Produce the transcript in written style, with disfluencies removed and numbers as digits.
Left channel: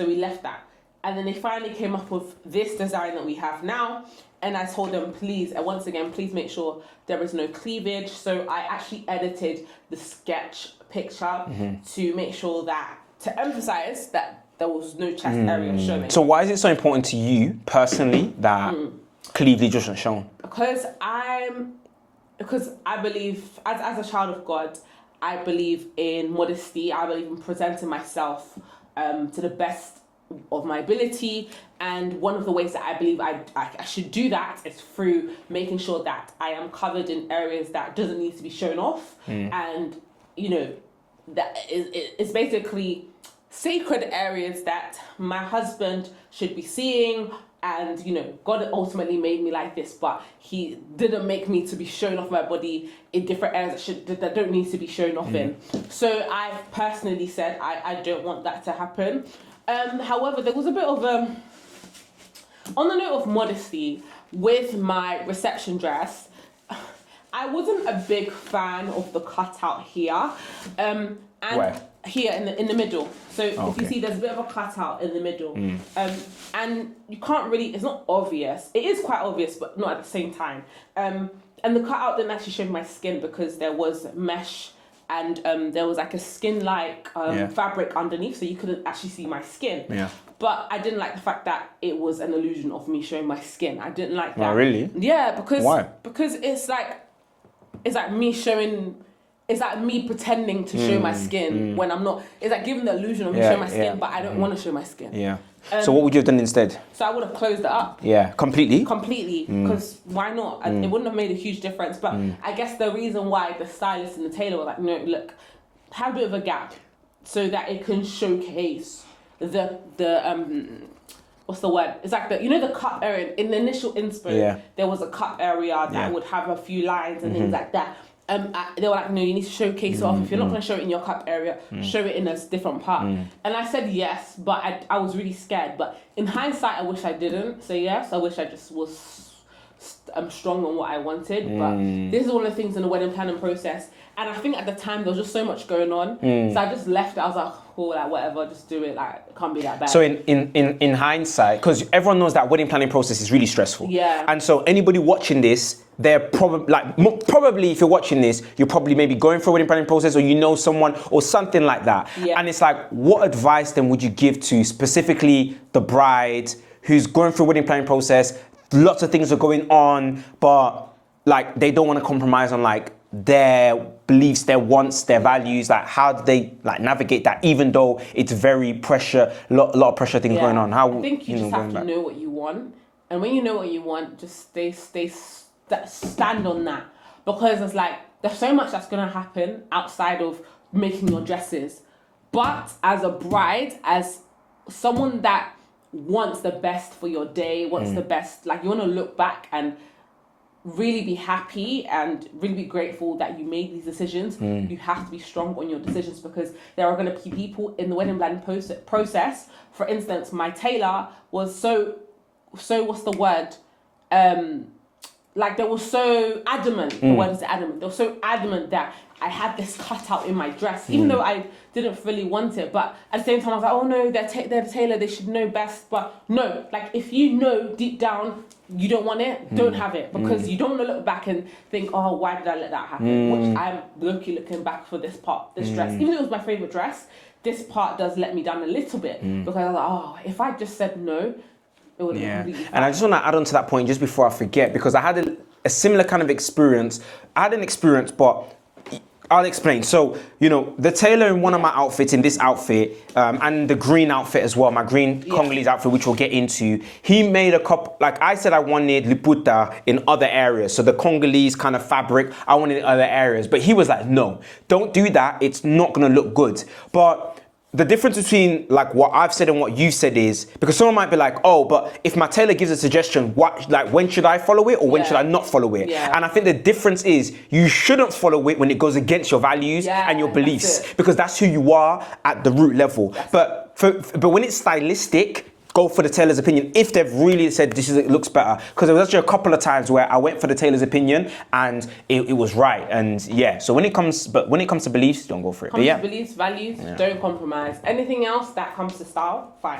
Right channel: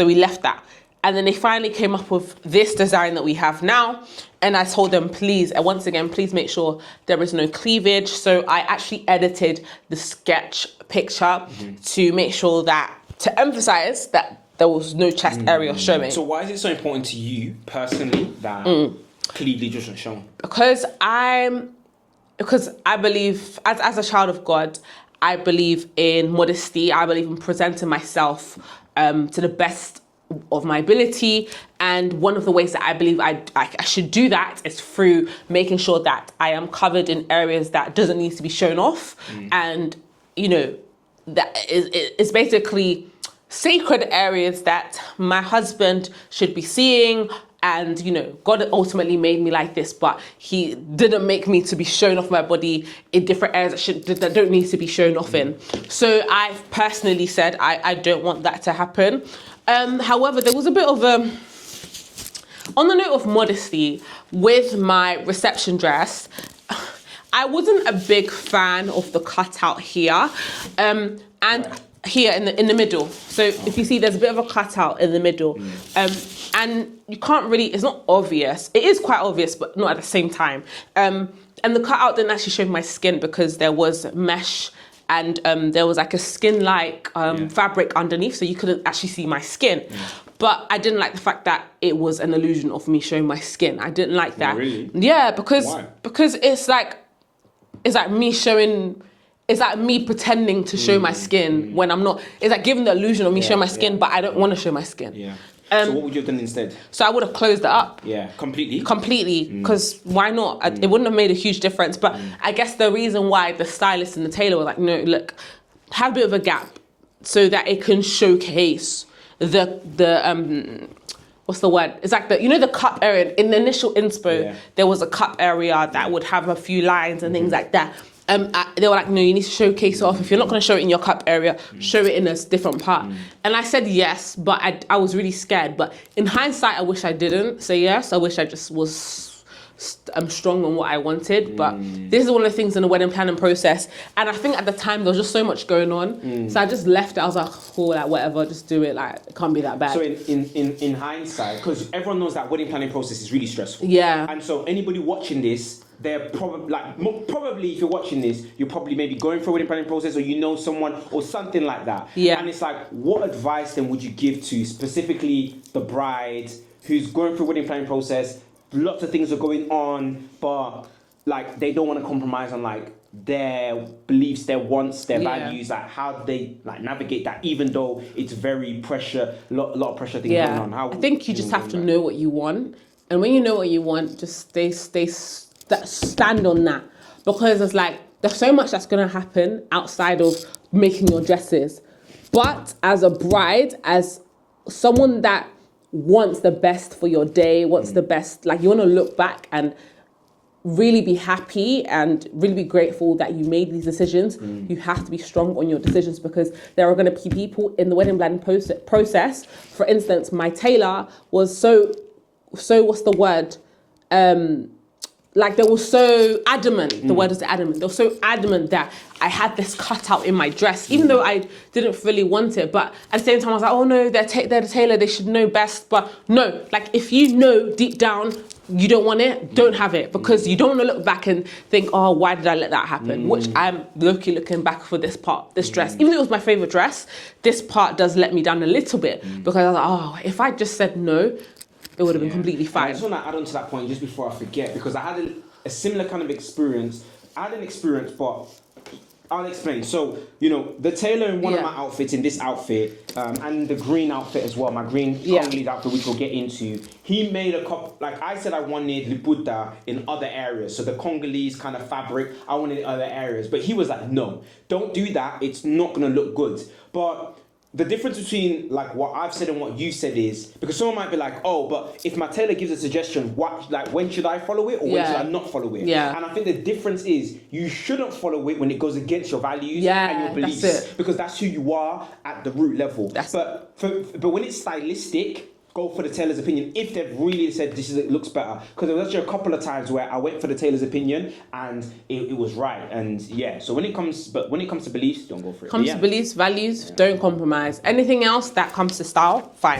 So we left that. And then they finally came up with this design that we have now. And I told them, please, once again, please make sure there is no cleavage. So I actually edited the sketch picture to make sure that, to emphasize that there was no chest area showing. So why is it so important to you personally that cleavage wasn't shown? Because I believe, as a child of God, I believe in modesty. I believe in presenting myself to the best of my ability, and one of the ways that I believe I should do that is through making sure that I am covered in areas that doesn't need to be shown off, and that is basically sacred areas that my husband should be seeing. And God ultimately made me like this, but He didn't make me to be shown off my body in different areas that don't need to be shown off in. So I've personally said I don't want that to happen. However, there was a bit of on the note of modesty with my reception dress. I wasn't a big fan of the cutout here, and Where? Here in the middle. So if you see, there's a bit of a cutout in the middle, and you can't really. It's not obvious. It is quite obvious, but not at the same time. And the cutout didn't actually show my skin because there was mesh. And there was like a skin-like fabric underneath, so you couldn't actually see my skin. Yeah. But I didn't like the fact that it was an illusion of me showing my skin. I didn't like that. Oh, really? Yeah, because Why? Because it's like me showing. It's like me pretending to show my skin when I'm not. It's like giving the illusion of me showing my skin, but I don't want to show my skin. Yeah. So what would you have done instead? So I would have closed it up. Yeah, completely? Completely, because why not? It wouldn't have made a huge difference. But I guess the reason why the stylist and the tailor were like, no, look, have a bit of a gap so that it can showcase the what's the word? It's like the cup area. In the initial inspo, there was a cup area that would have a few lines and things like that. They were like, no, you need to showcase it off. If you're not going to show it in your cup area, show it in a different part. And I said yes, but I was really scared. But in hindsight, I wish I didn't say yes. I wish I just was strong on what I wanted. But this is one of the things in the wedding planning process. And I think at the time, there was just so much going on. So I just left it. I was like, cool, like whatever, just do it. Like, it can't be that bad. So in hindsight, because everyone knows that wedding planning process is really stressful. Yeah. And so anybody watching this, they're probably if you're watching this, you're probably maybe going through a wedding planning process, or you know someone or something like that. Yeah. And it's like, what advice then would you give to specifically the bride who's going through a wedding planning process? Lots of things are going on, but like they don't want to compromise on like their beliefs, their wants, their values. Like, how do they like navigate that, even though it's very pressure, a lot of pressure things going on? I think you just have to know what you want, and when you know what you want, just stand on that, because it's like there's so much that's gonna happen outside of making your dresses. But as a bride, as someone that wants the best for your day, wants the best, like you want to look back and really be happy and really be grateful that you made these decisions. You have to be strong on your decisions, because there are going to be people in the wedding planning process. For instance, my tailor was so what's the word? Like they were so adamant, the word is adamant, they were so adamant that I had this cutout in my dress, even though I didn't really want it. But at the same time, I was like, oh no, they're the tailor, they should know best. But no, like if you know deep down you don't want it, don't have it, because you don't want to look back and think, oh, why did I let that happen? Which I'm looking back for this part, this dress. Even though it was my favorite dress, this part does let me down a little bit, because I was like, oh, if I just said no, it would have been completely fine. And I just want to add on to that point just before I forget, because I had a similar kind of experience. I had an experience, but I'll explain. So, the tailor in one of my outfits, in this outfit, and the green outfit as well, my green Congolese outfit, which we'll get into, he made a couple, like I said, I wanted liputa in other areas. So the Congolese kind of fabric, I wanted in other areas. But he was like, no, don't do that. It's not going to look good. But the difference between like what I've said and what you said is, because someone might be like, oh, but if my tailor gives a suggestion, when should I follow it, or when should I not follow it? Yeah. And I think the difference is you shouldn't follow it when it goes against your values and your beliefs, because that's who you are at the root level. But when it's stylistic, go for the tailor's opinion if they've really said it looks better. Because there was actually a couple of times where I went for the tailor's opinion and it was right. And so when it comes to beliefs, don't go for it. Comes to beliefs, values, don't compromise. Anything else that comes to style, fine.